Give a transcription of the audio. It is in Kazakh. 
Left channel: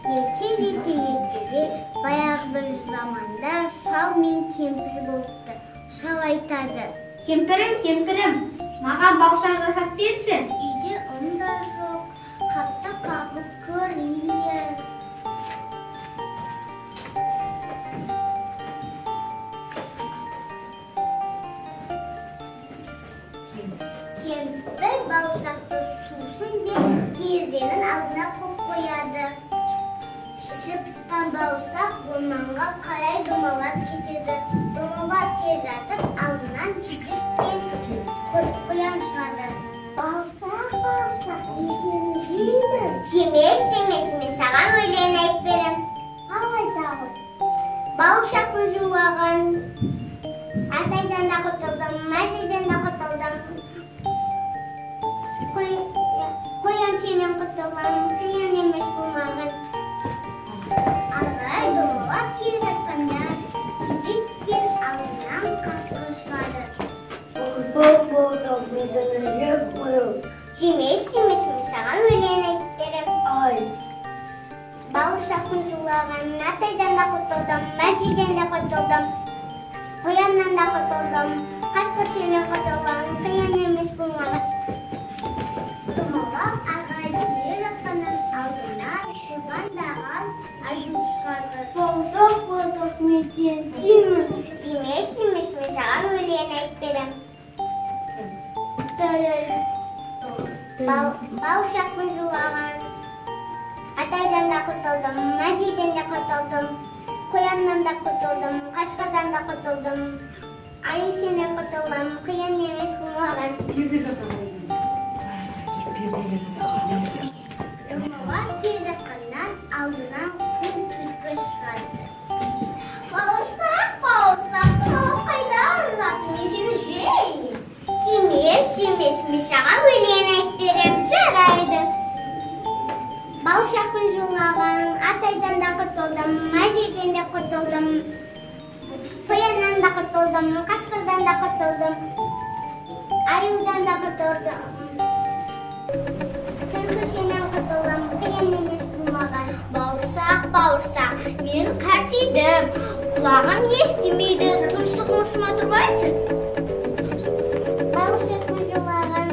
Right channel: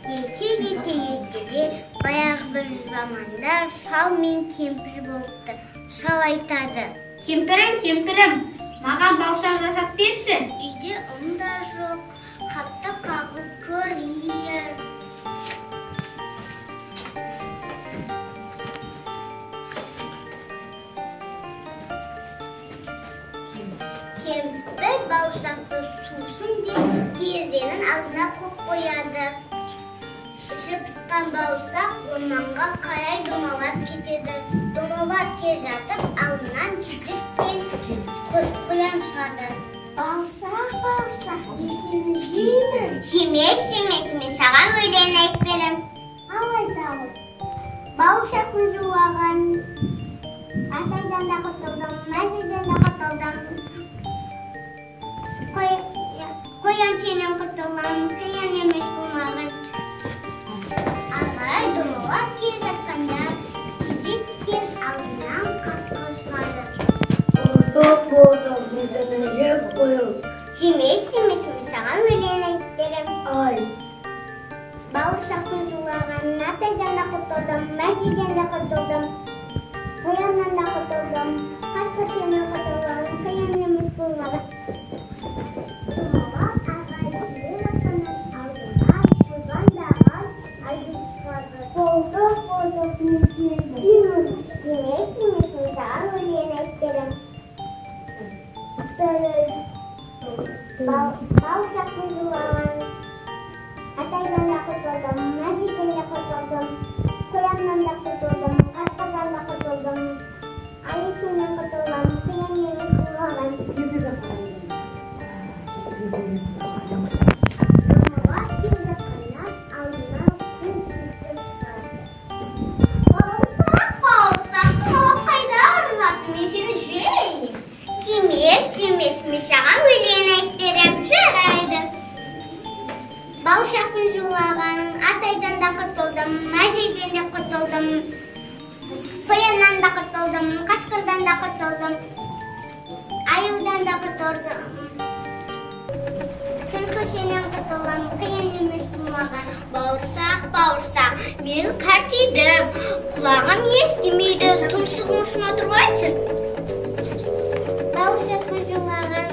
Ертеге баяғы бір заманда шал мен кемпір болыпты. Шал айтады: Кемпірім, маған бауырсақ жасап берші. Үйде ұн да жоқ, қапты қағып көрейін. Кемпір бауырсақты сусын деп терезенің алдына қойып қояды. Іші пысқан бауырсақ орманға қарай домалап кетеді. Домалап келе жатып, алдынан жігіт пен қоян шығады. Бауырсақ, есені жеймін. Жемес, саған өлең айтып берем. Ал айтамын. Бауырсақ жуылған, атайдан да құтылдым, мәжеден де құтылдым. Қоян сенен құтылдым, қиын емес болмағын. Ағай домалап келе жатқанда, кезек пен алдынан қасқыр шығады. Жемес, саған өлең айтып берем. Бауырсақтың жуылған, атайдан да құтылдым, мәжеден де құтылдым. Қояннан да құтылдым, қасқыр сенен құтылдым, қиын емес болмағын. Домалап ағай келе жатқаннан алдынан шұбандаған айдың шығады. Болдық, мен сені жеймін. Жемес, саған өлең айтып берем. Бауырсақтың жуылған, атайдан да құтылдым, мәжеден де құтылдым, қояннан да құтылдым, қасқырдан да құтылдым, айың сенен құтылдым, қиын емес болмаған. Домалап келе жатқаннан алдынан күн түлкі шығады. Бауырсақ, домалап қайда арғаты, мен сені жеймін. Жемес, саған өлең айтып берем. Жарайды. Бауырсақтың жуылған, атайдан да құтылдым, мәжеден де құтылдым, қояннан да құтылдым, қасқырдан да құтылдым, аюдан да құтылдым, түлкі сенен құтылдым, қиын емес болмаған. Бауырсақ, мен қартайдым, құлағым естімейді, тұмсығым ұшыма тұрмайды. Бауырсақтың жуылған,